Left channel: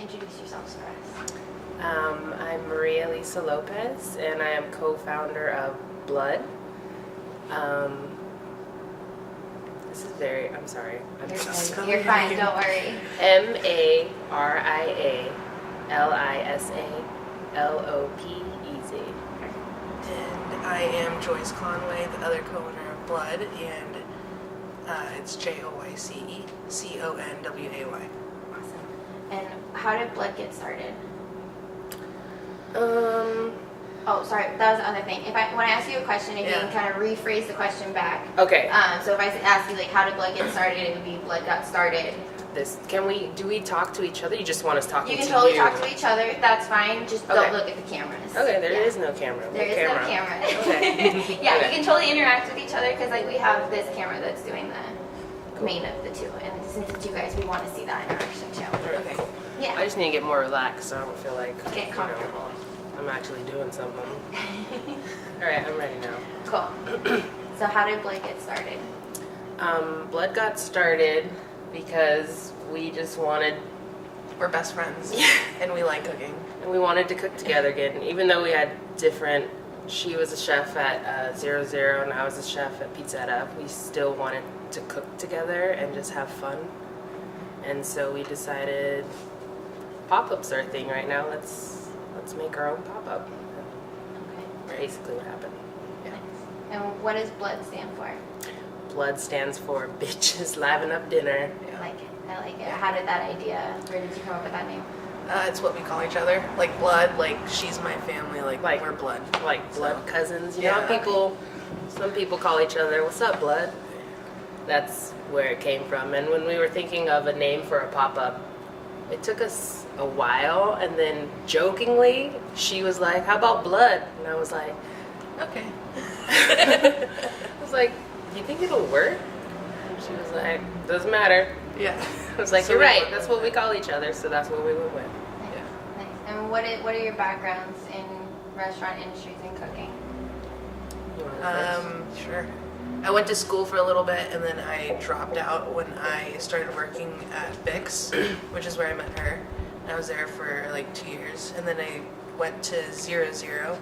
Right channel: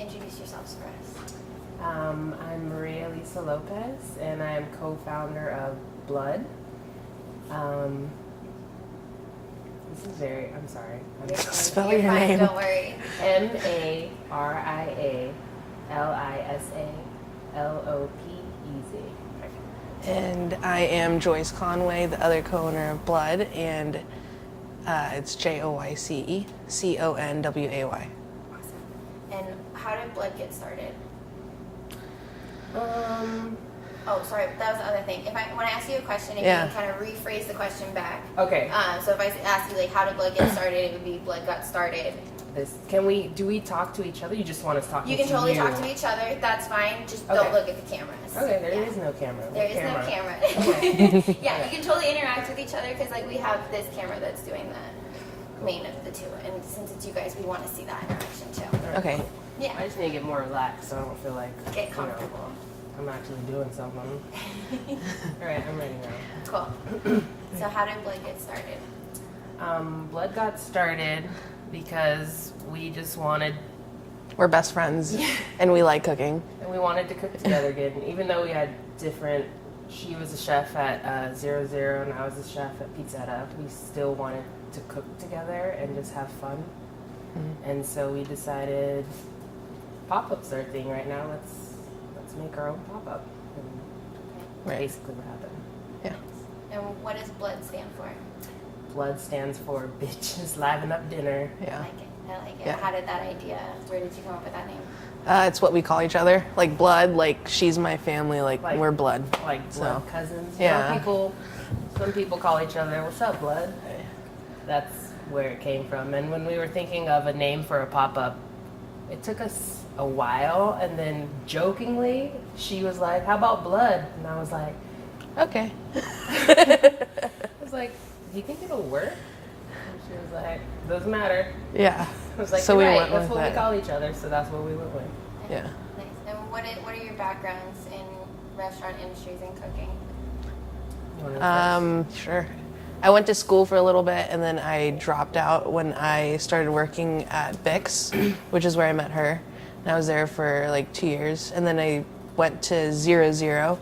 introduce yourselves for us. I'm Maria Lisa Lopez, and I am co-founder of Blood. This is very, I'm sorry. You're fine, don't worry. MARIALISALOPEZ. And I am Joyce Conway, the other co-owner of Blood, and it's JoyceConway. Awesome. And how did Blood get started? Oh, sorry, that was the other thing. When I ask you a question, you can kind of rephrase the question back. Okay. So if I ask you, like, how did Blood get started, it would be Blood got started. Do we talk to each other? You just want us talking to you? You can totally talk to each other. That's fine. Just don't look at the cameras. Okay, there is no camera. There is no camera. Okay. Yeah, you can totally interact with each other because, like, we have this camera that's doing the main of the two. And since it's you guys, we want to see that interaction too. Okay. Yeah. I just need to get more relaxed so I don't feel like Get comfortable. I'm actually doing something. All right, I'm ready now. Cool. So how did Blood get started? Blood got started because we just wanted, We're best friends, and we like cooking. and we wanted to cook together again. Even though we had different, she was a chef at 00 and I was a chef at Pizzetta, we still wanted to cook together and just have fun. And so we decided pop-ups are a thing right now. Let's make our own pop-up. Okay. Basically what happened. Yeah. And what does Blood stand for? Blood stands for Bitches Liven Up Dinner. I Yeah. like it. I like it. Yeah. How did that idea, where did you come up with that name? It's what we call each other. Like Blood, like she's my family, like we're blood. Like blood So, cousins. You yeah. know, some people call each other, "What's up, blood?" That's where it came from. And when we were thinking of a name for a pop-up, it took us a while, and then jokingly, she was like, "How about blood?" And I was like, Okay. I was like, "You think it'll work?" She was like, "Doesn't matter." Yeah. I was like, So "You're we right. went That's with what we it. call each other, so that's what we went with." Yeah. Nice. And what are your backgrounds in restaurant industries and cooking? You wanna Sure. I went to school for a little bit, and then I dropped out when I started working at Bix, which is where I met her. And I was there for like 2 years, and then I went to 00,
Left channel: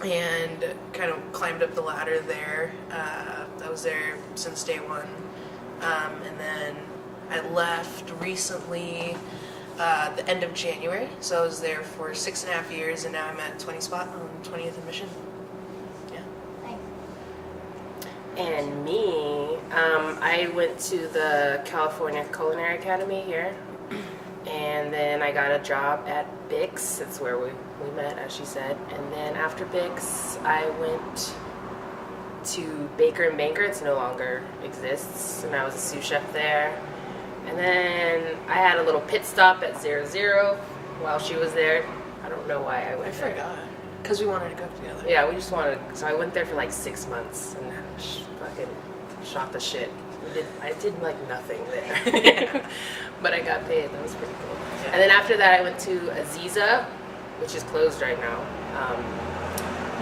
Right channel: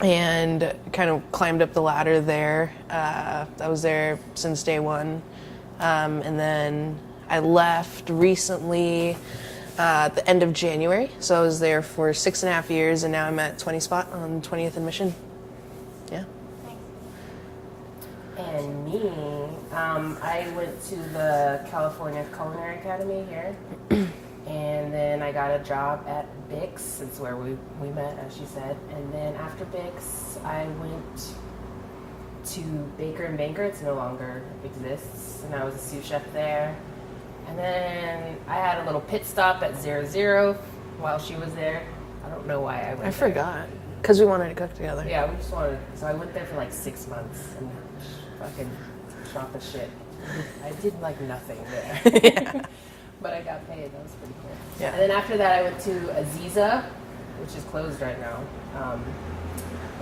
and kind of climbed up the ladder there. I was there since day one, and then I left recently at the end of January. So I was there for 6.5 years, and now I'm at 20 Spot on 20th and Mission. Yeah. Nice. And me, I went to the California Culinary Academy here, and then I got a job at Bix. That's where we met, as she said. And then after Bix, I went to Baker and Banker. It no longer exists, and I was a sous chef there. And then I had a little pit stop at 00 while she was there. I don't know why I went I there. forgot. Because we wanted to cook together. Yeah, we just wanted. So I went there for like 6 months and fucking shot the shit. I did like nothing there, but I got paid. That was pretty cool. Yeah. And then after that, I went to Aziza, which is closed right now.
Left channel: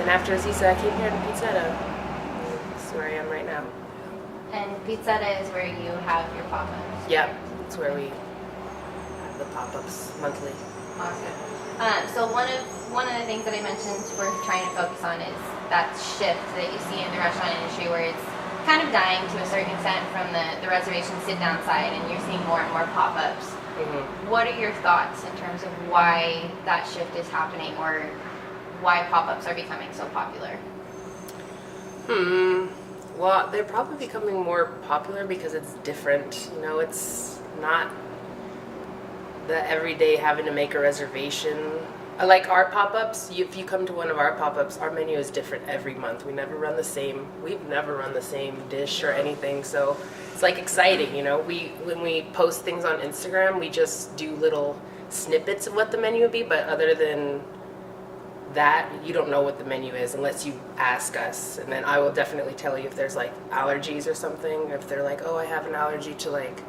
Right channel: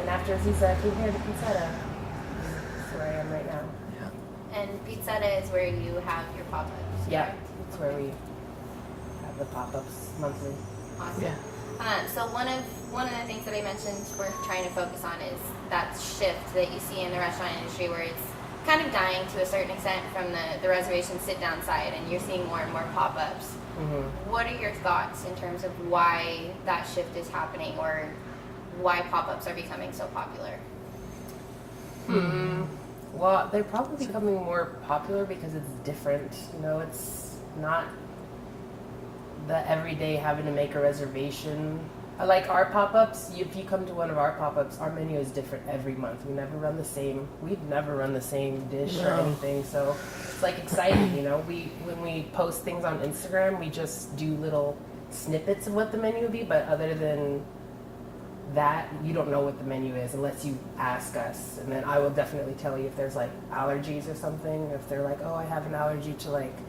And after Aziza, I came here to Pizzetta. This is where I am right now. And Pizzetta is where you have your pop-ups. Yeah, that's where we have the pop-ups monthly. Awesome. Yeah. So one of the things that I mentioned we're trying to focus on is that shift that you see in the restaurant industry where it's kind of dying to a certain extent from the reservation sit-down side, and you're seeing more and more pop-ups. Mm-hmm. What are your thoughts in terms of why that shift is happening or why pop-ups are becoming so popular? Well, they're probably becoming more popular because it's different. You know, it's not the everyday having to make a reservation. Like our pop-ups, if you come to one of our pop-ups, our menu is different every month. We've never run the same dish or No. anything. So it's like exciting, you know. When we post things on Instagram, we just do little snippets of what the menu would be, but other than that, you don't know what the menu is unless you ask us, and then I will definitely tell you if there's like allergies or something. If they're like, "Oh, I have an allergy to like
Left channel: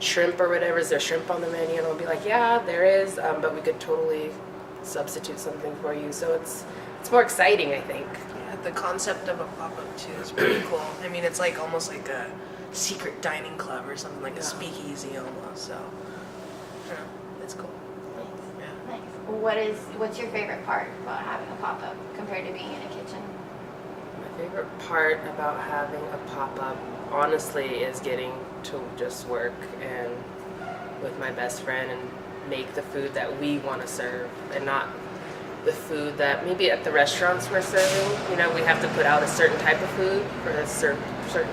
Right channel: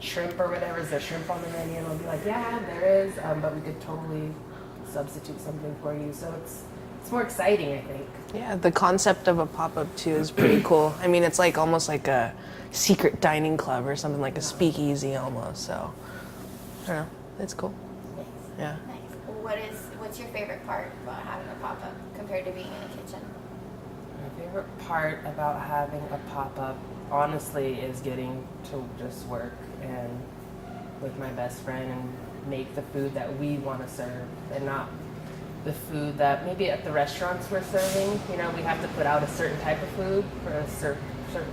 shrimp or whatever, is there shrimp on the menu?" And I'll be like, "Yeah, there is, but we could totally substitute something for you." So it's more exciting, I think. Yeah, the concept of a pop-up too is pretty cool. I mean, it's like almost like a secret dining club or something, like a speakeasy almost. So I don't know. That's cool. Yeah. Nice. What's your favorite part about having a pop-up compared to being in a kitchen? My favorite part about having a pop-up, honestly, is getting to just work and with my best friend and make the food that we want to serve and not the food that maybe at the restaurants we're serving. You know, we have to put out a certain type of food for a certain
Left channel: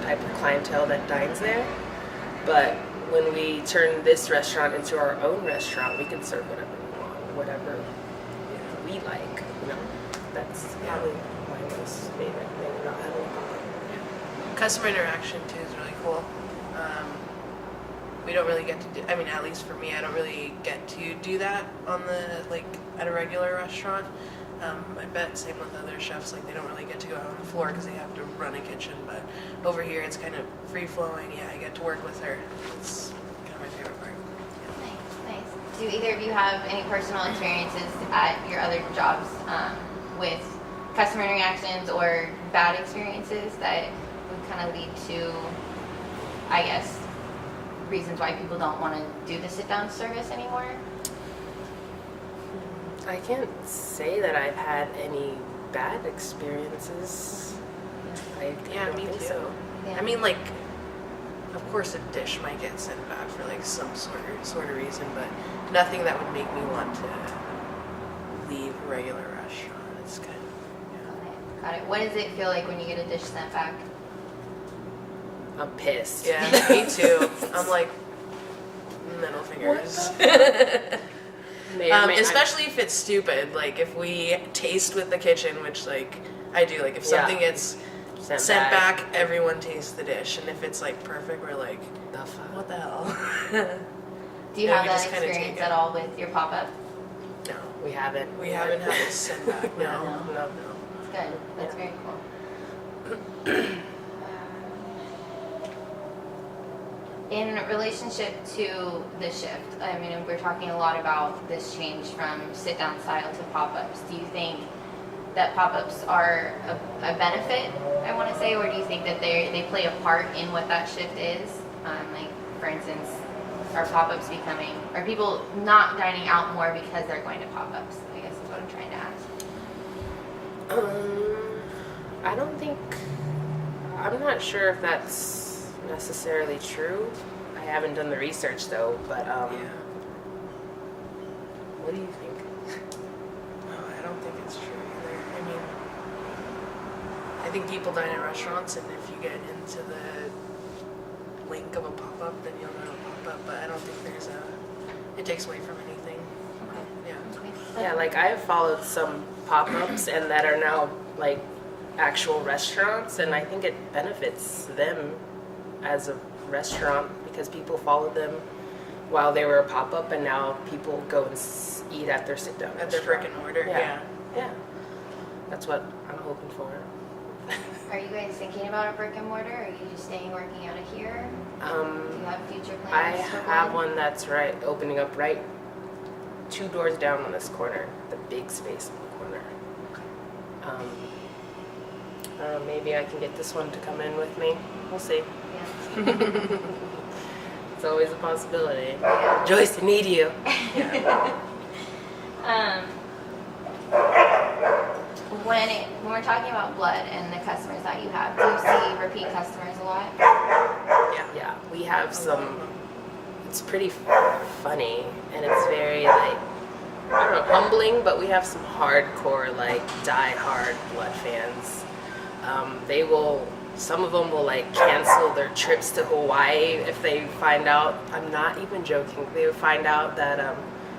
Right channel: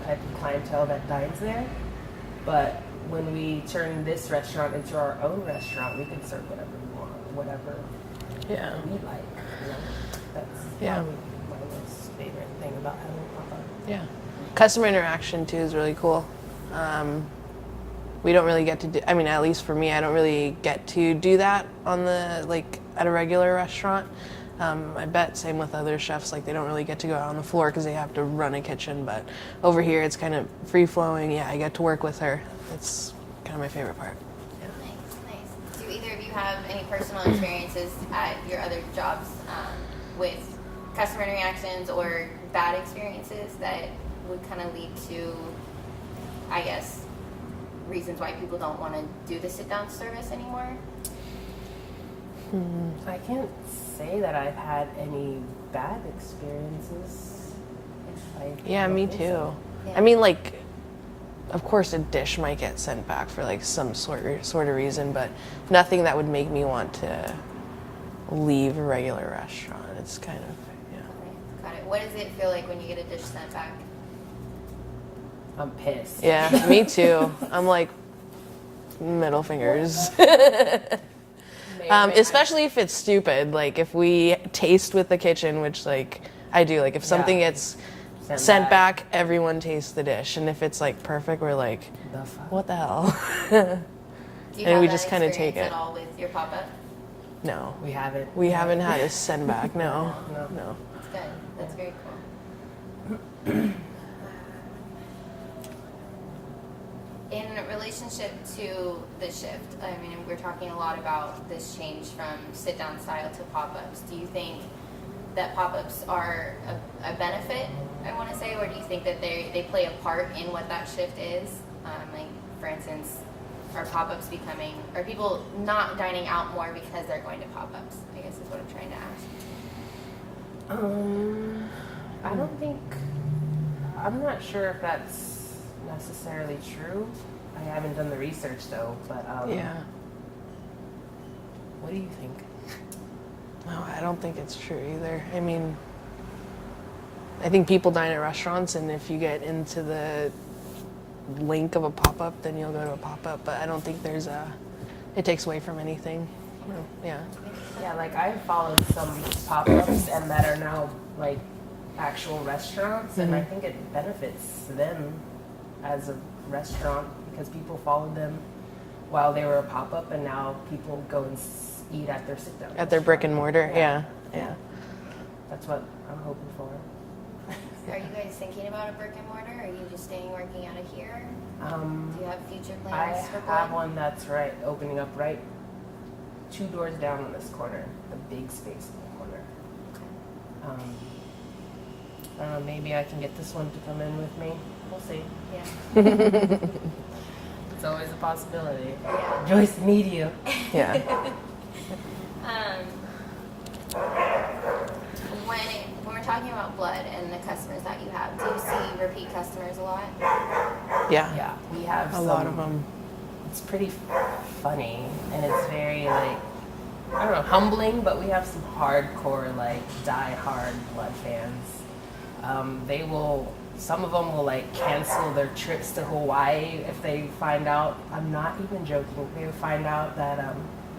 type of clientele that dines there. But when we turn this restaurant into our own restaurant, we can serve whatever we want, whatever we like. You know, that's probably my most favorite thing about having a pop-up. Yeah. Customer interaction too is really cool. We don't really get to do, I mean, at least for me, I don't really get to do that on at a regular restaurant. I bet same with other chefs, like they don't really get to go out on the floor because they have to run a kitchen, but over here it's kind of free flowing. Yeah, I get to work with her. That's kind of my favorite part. Nice. Do either of you have any personal experiences at your other jobs with customer interactions or bad experiences that would kind of lead to, I guess, reasons why people don't want to do the sit-down service anymore? I can't say that I've had any bad experiences. Yeah, me too. Yeah. I mean, like, of course a dish might get sent back for like some sort of reason, but nothing that would make me want to leave a regular restaurant. It's kind of, Got it. What does it feel like when you get a dish sent back? I'm pissed. Yeah, me too. I'm like, middle fingers. Especially if it's stupid. Like if we taste with the kitchen, which like I do. Like if something gets sent back, everyone tastes the dish, and if it's like perfect, we're like, The fuck? what the hell? Do you And have we that just kinda experience take it. at all with your pop-up? No, We haven't. we haven't had a send back. No, No. no. It's good. That's very cool. In relationship to the shift, I mean, we're talking a lot about this change from sit-down style to pop-ups. Do you think that pop-ups are a benefit, I want to say, or do you think that they play a part in what that shift is? Like, for instance, are pop-ups are people not dining out more because they're going to pop-ups? I guess is what I'm trying to ask. I don't think. I'm not sure if that's necessarily true. I haven't done the research though, but Yeah. What do you think? No, I don't think it's true either. I mean, I think people dine at restaurants, and if you get into the link of a pop-up, then you'll go to a pop-up. But I don't think it takes away from anything. Yeah. Yeah, like I've followed some pop-ups and that are now like actual restaurants, and I think it benefits them as a restaurant because people followed them while they were a pop-up, and now people go and eat at their sit-down At their brick and mortar. Yeah. Yeah. That's what I'm hoping for. Are you guys thinking about a brick and mortar, or are you just staying working out of here? Do you have future I plans? for have one? one that's opening up right 2 doors down on this corner, the big space in the corner. I don't know, maybe I can get this one to come in with me. We'll see. Yeah. It's always a possibility. Joyce, I need you. Yeah. When we're talking about blood and the customers that you have, do you see repeat customers a lot? Yeah. Yeah, we have A some. lot of them. It's pretty funny, and it's very like, I don't know, humbling, but we have some hardcore, like, die-hard blood fans. Some of them will like cancel their trips to Hawaii if they find out, I'm not even joking, they would find out that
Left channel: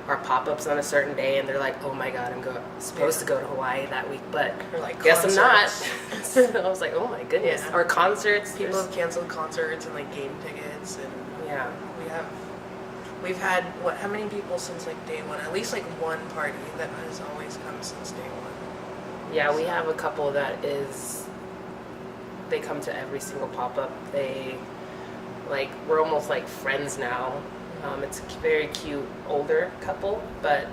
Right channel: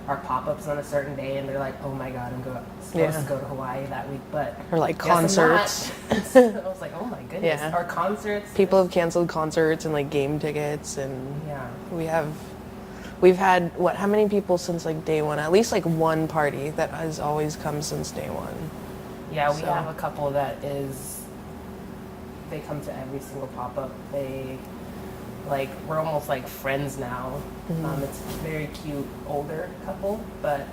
our pop-up's on a certain day, and they're like, oh my god, I'm supposed to go to Hawaii that week, but Or like guess concerts. I'm not. I was like, oh my goodness. Yeah. Or concerts. People have canceled concerts and like game tickets, and Yeah. we've had how many people since like day one? At least like one party that has always come since day one. Yeah, we So- have a couple that they come to every single pop-up. We're almost like friends now. It's a very cute older couple, but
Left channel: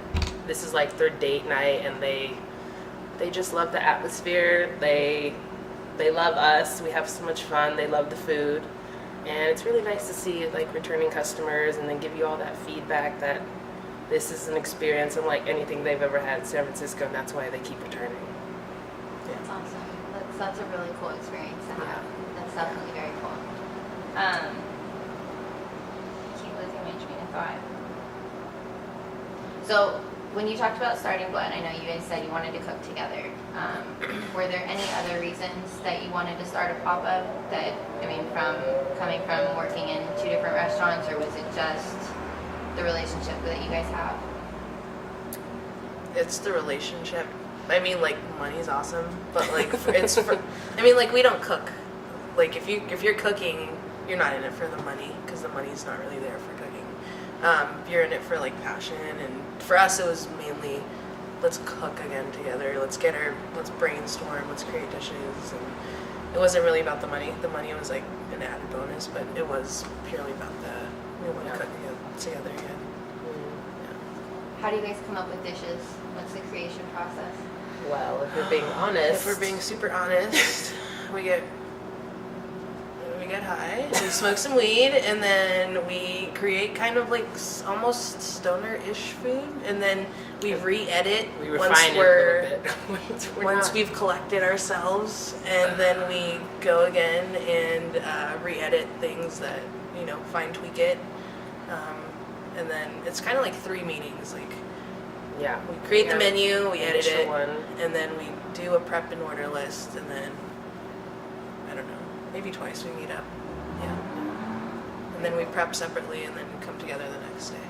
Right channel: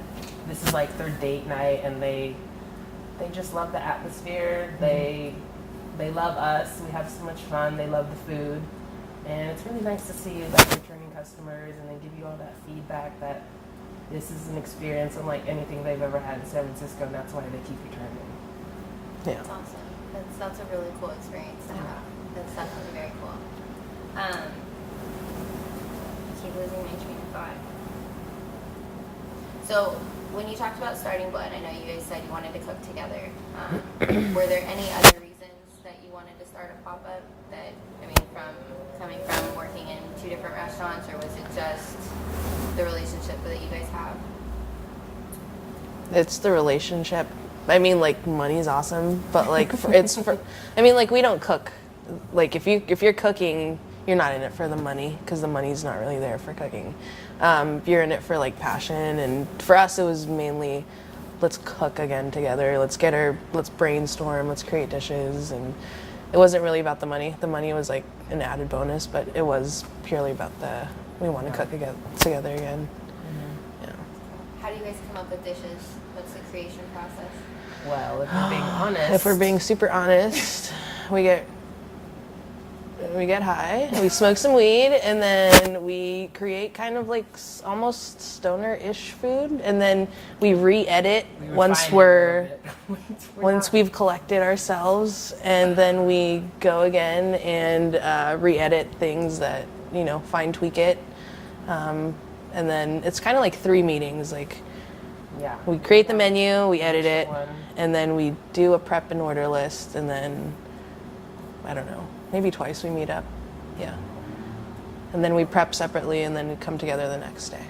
this is like their date night, and they just love the atmosphere. They love us. We have so much fun. They love the food. And it's really nice to see like returning customers and then give you all that feedback that this is an experience unlike anything they've ever had in San Francisco, and that's why they keep returning. Yeah. That's awesome. That's a really cool experience to have. That's definitely very cool. I keep losing my train of thought. So when you talked about starting Blood, I know you guys said you wanted to cook together. Were there any other reasons that you wanted to start a pop-up? That, I mean, from coming from working in 2 different restaurants, or was it just the relationship that you guys have? It's the relationship. I mean, like, money's awesome, but like, I mean, like, we don't cook. Like, if you're cooking, you're not in it for the money, because the money's not really there for cooking. You're in it for like passion, and for us, it was mainly, let's cook again together. Let's brainstorm. Let's create dishes, and it wasn't really about the money. The money was like an added bonus, but it was purely about we want to cook again together again. Yeah. How do you guys come up with dishes? What's the creation process? Well, if we're being honest. If we're being super honest, we get high, we smoke some weed, and then we create kind of like almost stoner-ish food, and then we re-edit once we've collected ourselves, and then we go again and re-edit things that, fine tweak it, and then it's kind of like 3 meetings. Like, Yeah. we create the menu, we edit it, one. and then we do a prep and order list, and then I don't know, maybe twice we meet up. Yeah. And then we prep separately, and then we come together the next day.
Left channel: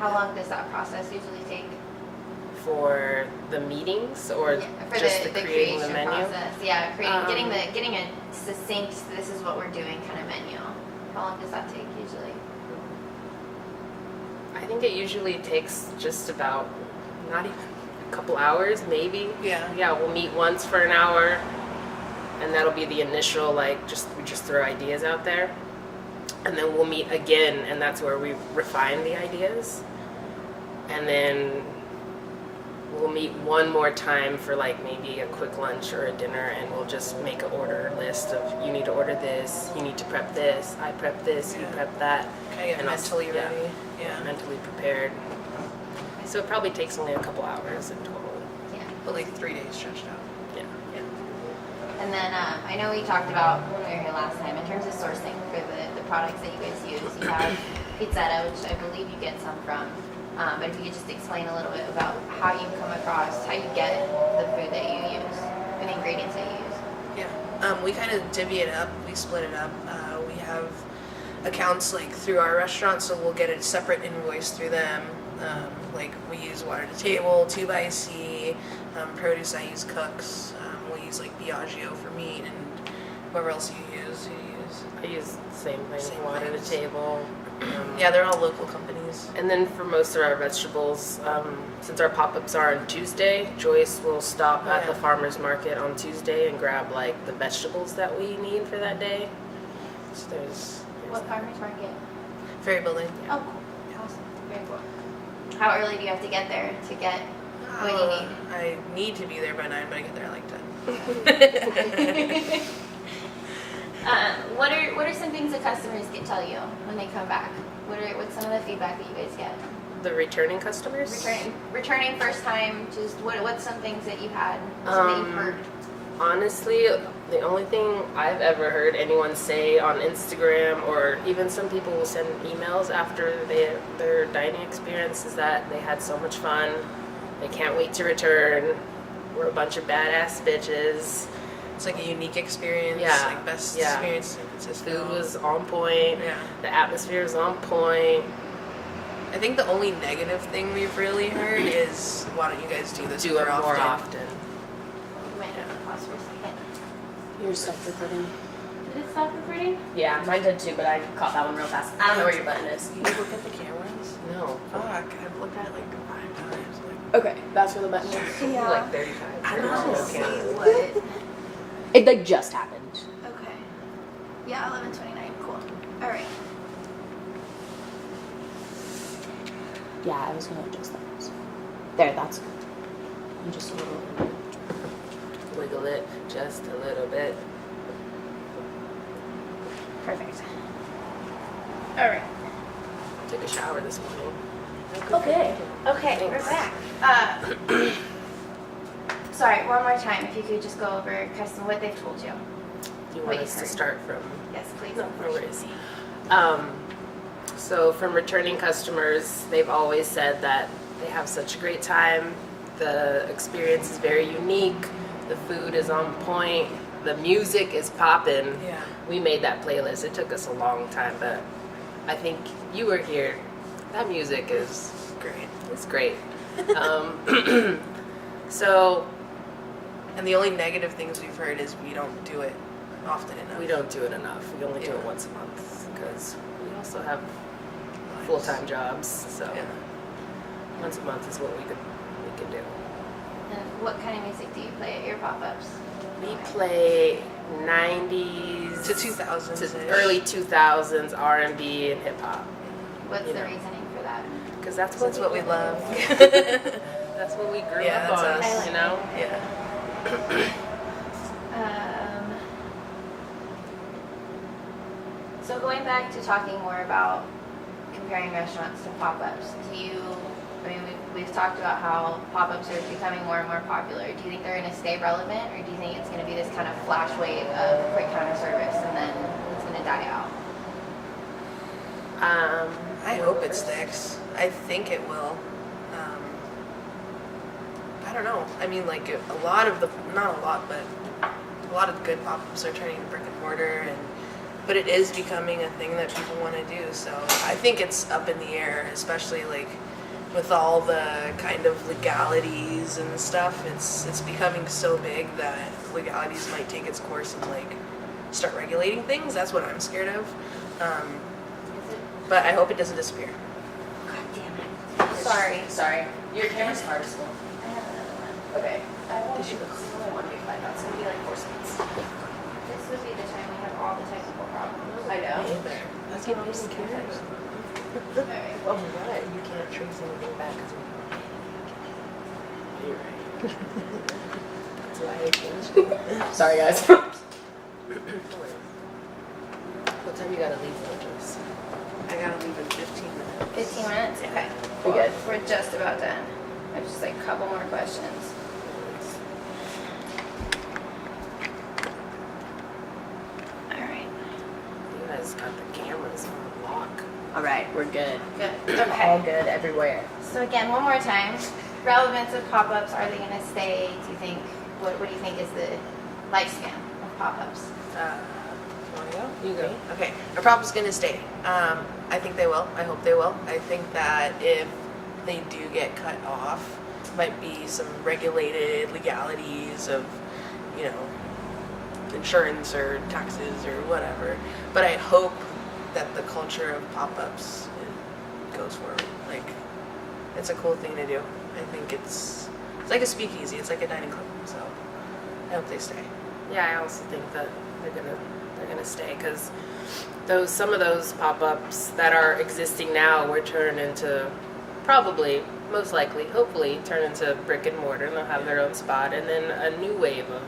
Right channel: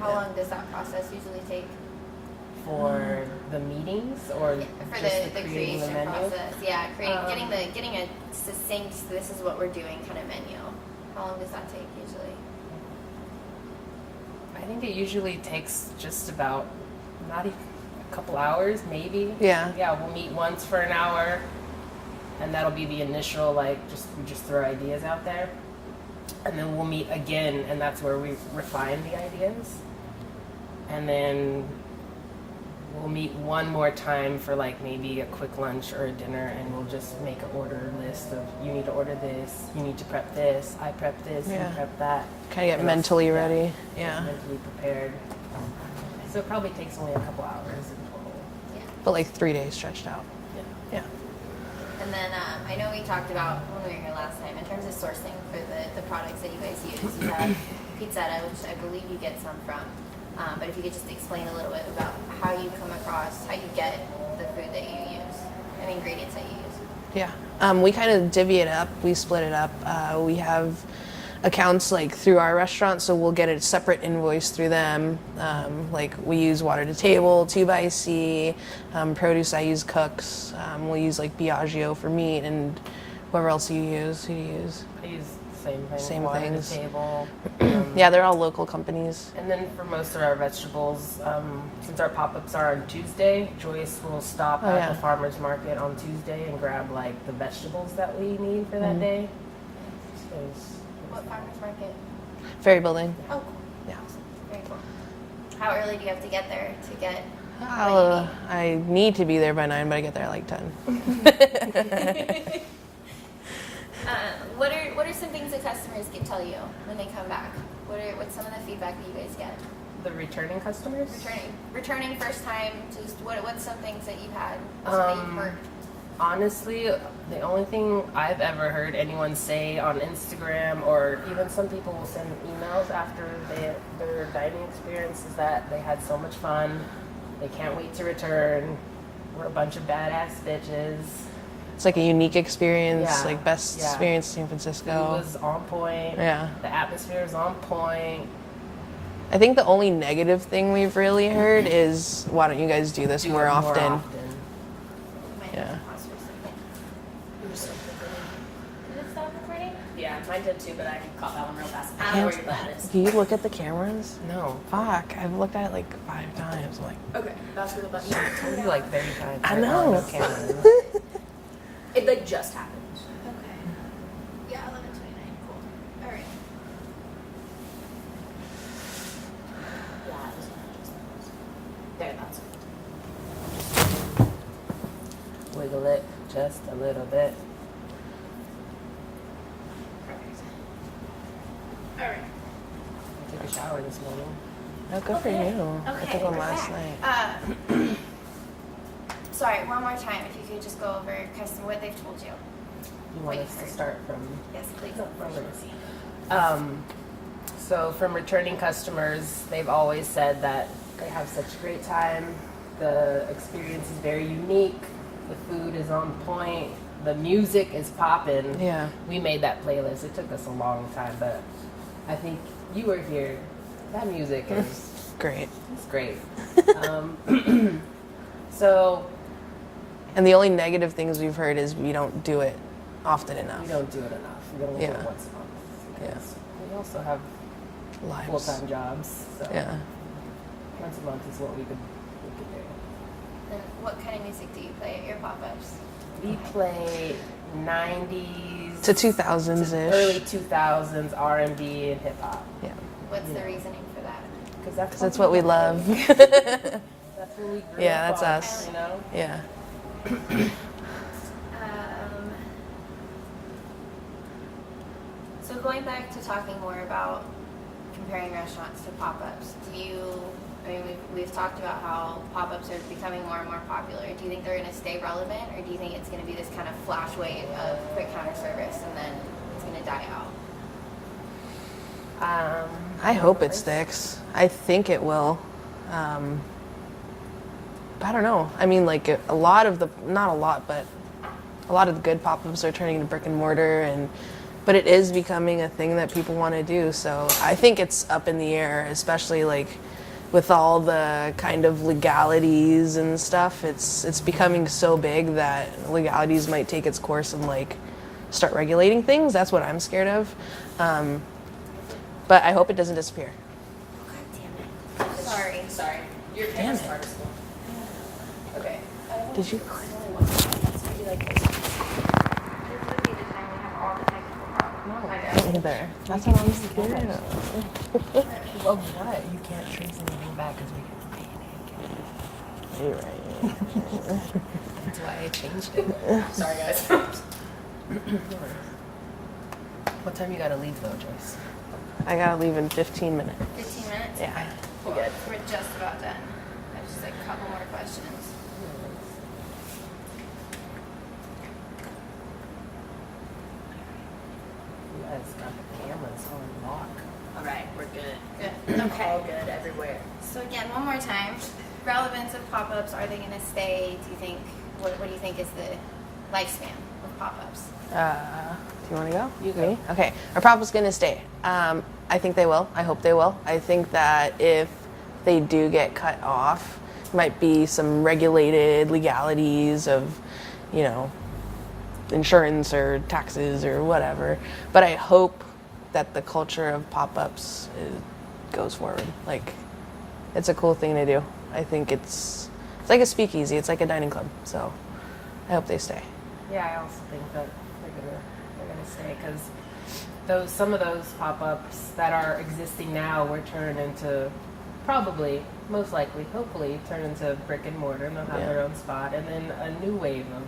How long does that process usually take? For the meetings, or For just the creating creation the menu? process? Yeah, getting a succinct, this is what we're doing kind of menu. How long does that take usually? I think it usually takes just about not even a couple hours, maybe. Yeah. Yeah, we'll meet once for an hour, and that'll be the initial, like, we just throw ideas out there. And then we'll meet again, and that's where we refine the ideas. And then we'll meet one more time for like maybe a quick lunch or a dinner, and we'll just make an order list of, you need to order this, you need to prep this, I prep this, you prep that. Kind of get And mentally also- ready. Yeah, Yeah. mentally prepared. So it probably takes only a couple hours in total. Yeah. But like 3 days stretched out. Yeah. Yeah. And then I know we talked about when we were here last time in terms of sourcing for the products that you guys use. You have Pizzetta, which I believe you get some from. But if you could just explain a little bit about how you come across, how you get the food that you use, and ingredients that you use. Yeah. We kind of divvy it up. We split it up. We have accounts like through our restaurant, so we'll get a separate invoice through them. Like we use Water to Table, 2xC, produce I use Cooks. We'll use like Biagio for meat, and whoever else you use. Who do you use? I use the same thing. Same Water to things. Table. Yeah, they're all local companies. And then for most of our vegetables, since our pop-ups are on Tuesday, Joyce will stop at the farmer's market on Tuesday and grab like the vegetables that we need for that day. So there's What farmers market? Ferry Building. Oh, cool. Yeah. Awesome. Very cool. How early do you have to get there to get what you need? I need to be there by 9, but I get there at like 10. What are some things that customers can tell you when they come back? What's some of the feedback that you guys get? the returning customers. Returning first time. Just what's some things that you had that you've heard? Honestly, the only thing I've ever heard anyone say on Instagram, or even some people will send emails after their dining experience, is that they had so much fun. They can't wait to return. We're a bunch of badass bitches. It's like a unique experience, Yeah, like best yeah. experience in San Francisco. It was on point. Yeah. The atmosphere is on point. I think the only negative thing we've really heard is, why don't you guys do this Do more it often? You might have to pause for a second. You're stuck recording. Did it stop recording? Yeah, mine did too, but I caught that one real fast. I don't know where your button is. Do you look at the cameras? No. Fuck, I've looked at it like 5 times. I'm like, Okay, that's where the button is. Maybe like 30 times. I know. What? It like just happened. Okay. Yeah, 11:29. Cool. All right. Yeah, I was gonna adjust that. So. There, that's good. I'm just Wiggle it just a little bit. Perfect. All right. Took a shower this morning. Oh, good for Okay. you. Okay, I did we're last back. night. Sorry, one more time. If you could just go over kind of what they've told you. Do you want Wait, us to sorry. start from? Yes, please. No, no worries. So from returning customers, they've always said that they have such a great time. The experience is very unique. The food is on point. The music is popping. Yeah. We made that playlist. It took us a long time, but I think you were here. That music is Great. it's great. So And the only negative things we've heard is we don't do it often enough. we don't do it enough. We only do Yeah. it once a month because we also have Lives. full-time jobs. So Yeah. once a month is what we can do. And what kind of music do you play at your pop-ups? We play 90s To 2000s to ish. early 2000s R&B and hip hop What's You the know. reasoning for that? because that's That's what we love. That's what we grew Yeah, up that's on. us. You know. Yeah. So going back to talking more about comparing restaurants to pop-ups, we've talked about how pop-ups are becoming more and more popular. Do you think they're going to stay relevant, or do you think it's going to be this kind of flash wave of quick counter service and then it's going to die out? I hope it sticks. I think it will. I don't know. I mean, like a lot of the, not a lot, but a lot of the good pop-ups are turning to brick and mortar, but it is becoming a thing that people want to do. So I think it's up in the air, especially like with all the kind of legalities and stuff. It's becoming so big that legalities might take its course and like start regulating things. That's what I'm scared of. But I hope it doesn't disappear. God damn it. Sorry. Your camera's hard as well. I have another one. Okay. Did you? This would be the time we have all the technical problems. I know. Either. That's what I'm scared of. Alright. Well, what? You can't trace anything back because we. You're right. That's why I changed it. Sorry, guys. What time you gotta leave though, Joyce? I gotta leave in 15 minutes. 15 minutes? Yeah. Okay. We good? We're just about done. I have just like a couple more questions. Alright. You guys got the cameras on lock. All right, we're good. Good. All Okay. good everywhere. So again, one more time. Relevance of pop-ups, are they going to stay? Do you think, what do you think is the lifespan of pop-ups? Do you want to go? You go. Me? Okay. Our pop-up's gonna stay. I think they will. I hope they will. I think that if they do get cut off, might be some regulated legalities of, you know, insurance or taxes or whatever. But I hope that the culture of pop-ups goes forward. Like, it's a cool thing to do. I think it's like a speakeasy. It's like a dining club. So I hope they stay. Yeah, I also think that they're gonna stay because some of those pop-ups that are existing now will turn into probably, most likely, hopefully, turn into brick and mortar and they'll have their own spot, and then a new wave of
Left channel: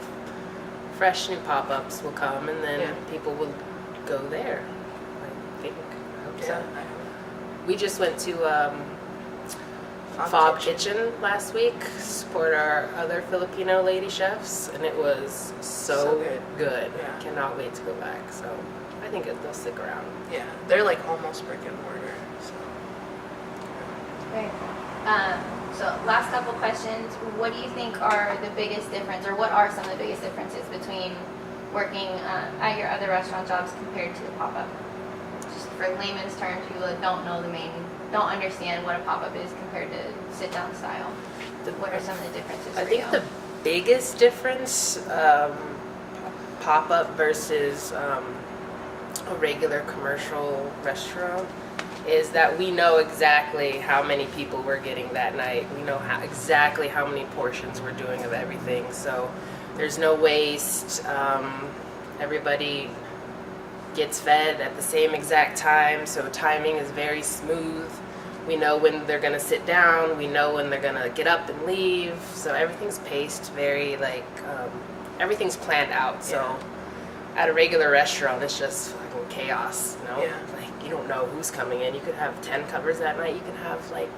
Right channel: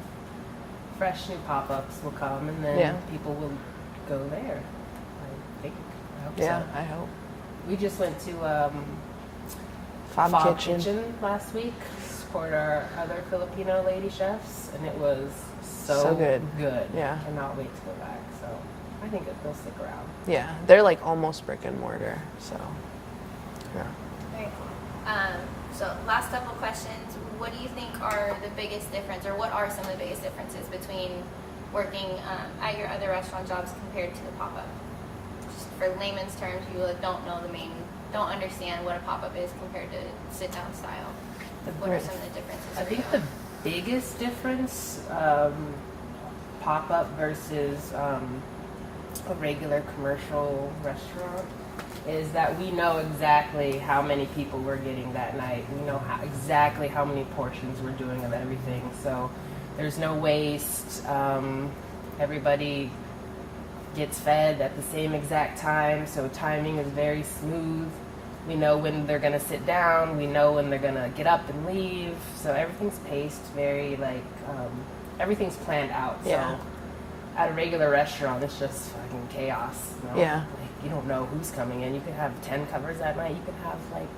fresh new pop-ups will come, and then people will go there. I think. I hope Yeah, so. I hope. We just went to Fob Kitchen last week, support our other Filipino lady chefs, and it was so good. Yeah. Cannot wait to go back. So I think they'll stick around. Yeah, they're like almost brick and mortar. So. Very cool. So last couple questions. What do you think are the biggest difference, or what are some of the biggest differences between working at your other restaurant jobs compared to the pop-up? Just for layman's terms, people that don't understand what a pop-up is compared to sit-down style. What are some of the differences I for think you? the biggest difference, pop-up versus a regular commercial restaurant, is that we know exactly how many people we're getting that night. We know exactly how many portions we're doing of everything. So there's no waste. Everybody gets fed at the same exact time. So timing is very smooth. We know when they're going to sit down. We know when they're going to get up and leave. So everything's paced very everything's planned out. So Yeah. at a regular restaurant, it's just fucking chaos. You know? Yeah. Like you don't know who's coming in. You could have 10 covers that night. You can have like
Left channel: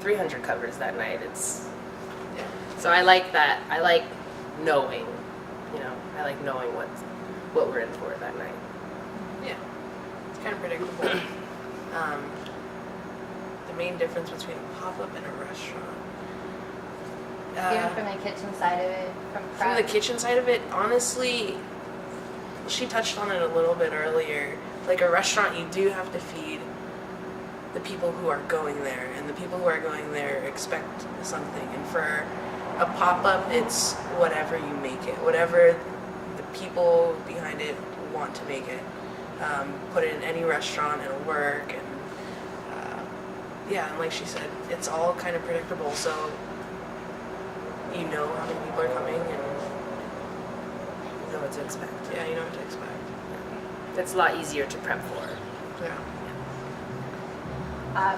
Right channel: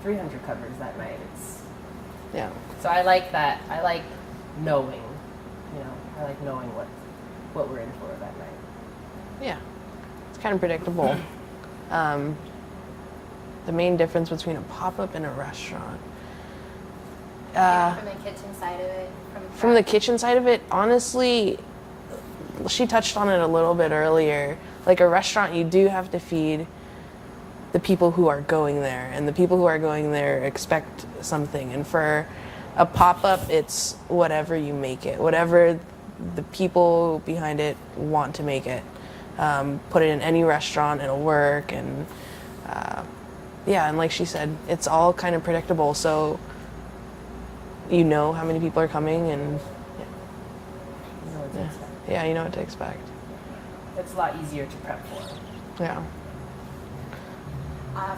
300 covers that night. Yeah. So I like that. I like knowing. You know, I like knowing what we're in for that night. Yeah. It's kind of predictable. The main difference between a pop-up and a restaurant. Even from the kitchen side of it. From the kitchen side of it, honestly, she touched on it a little bit earlier. Like a restaurant, you do have to feed the people who are going there, and the people who are going there expect something. And for a pop-up, it's whatever you make it, whatever the people behind it want to make it. Put it in any restaurant, it'll work. And yeah, and like she said, it's all kind of predictable. So you know how many people are coming, and You know what to expect. yeah, you know what to expect. It's a lot easier to prep for. Yeah.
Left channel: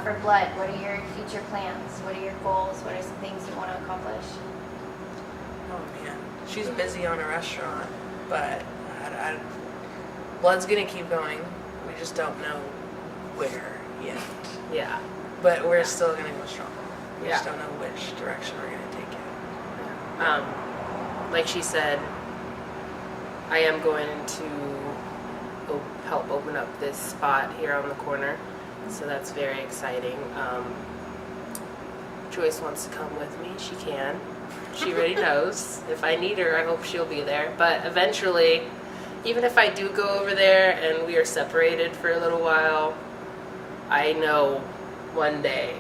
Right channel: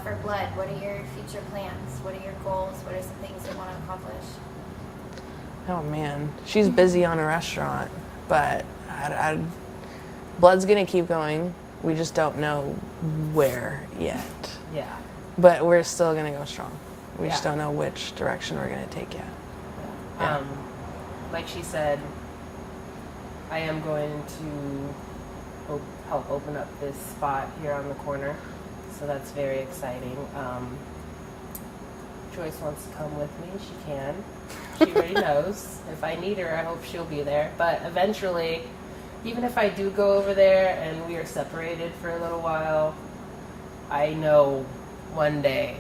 For Blood, what are your future plans? What are your goals? What are some things you want to accomplish? Oh man, she's busy on a restaurant, but Blood's gonna keep going. We just don't know where yet. Yeah. But we're still gonna go strong. We just Yeah. don't know which direction we're gonna take it. Like she said, I am going to help open up this spot here on the corner, so that's very exciting. Joyce wants to come with me. She can. She already knows. If I need her, I hope she'll be there. But eventually, even if I do go over there and we are separated for a little while, I know one day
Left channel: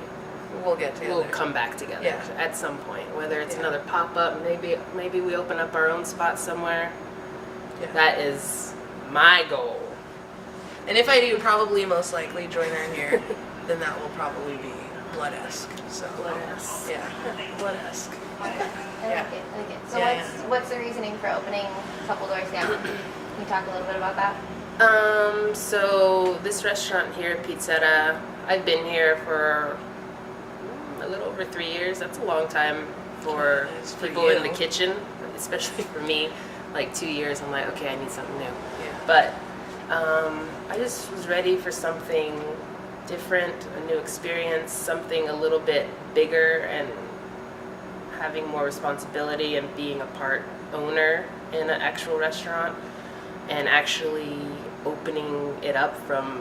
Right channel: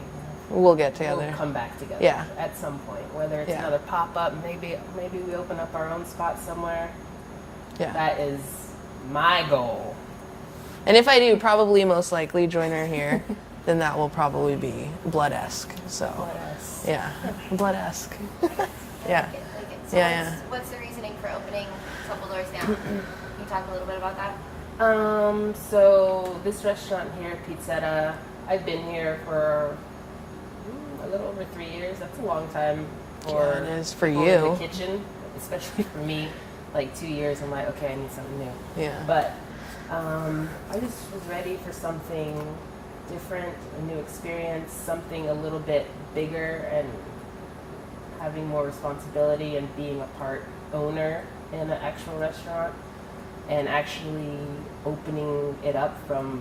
We'll get together. we'll come back together Yeah. at some point. Whether it's Yeah. another pop-up, maybe we open up our own spot somewhere. Yeah. That is my goal. And if I do, probably most likely join her here, then that will probably be Blood-esque. So Bless. yeah, Blood-esque. I Yeah. like it. I like it. So Yeah, what's the reasoning for opening a couple doors down? Can you talk a little bit about that? So this restaurant here, Pizzetta, I've been here for a little over 3 years. That's a long time for Yeah, it is for people in you. the kitchen, especially for me. Like 2 years, I'm like, okay, I need something new. Yeah. But I just was ready for something different, a new experience, something a little bit bigger, and having more responsibility and being a part owner in an actual restaurant, and actually opening it up from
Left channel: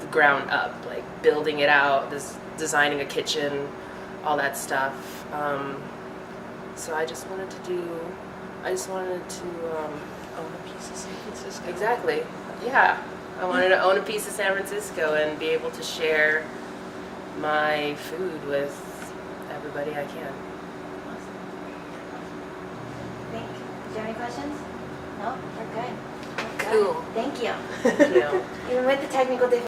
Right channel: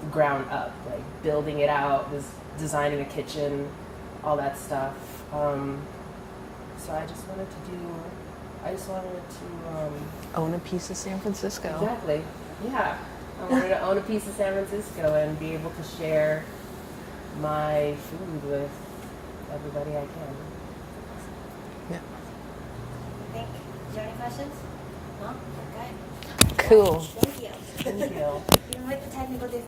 the ground up, like building it out, designing a kitchen, all that stuff. So I just wanted to Own a piece of San Francisco. exactly, yeah. I wanted to own a piece of San Francisco and be able to share my food with everybody I can. Do you have any questions? No? We're good. Cool. Thank you. Thank you. Even with the technical difficulties.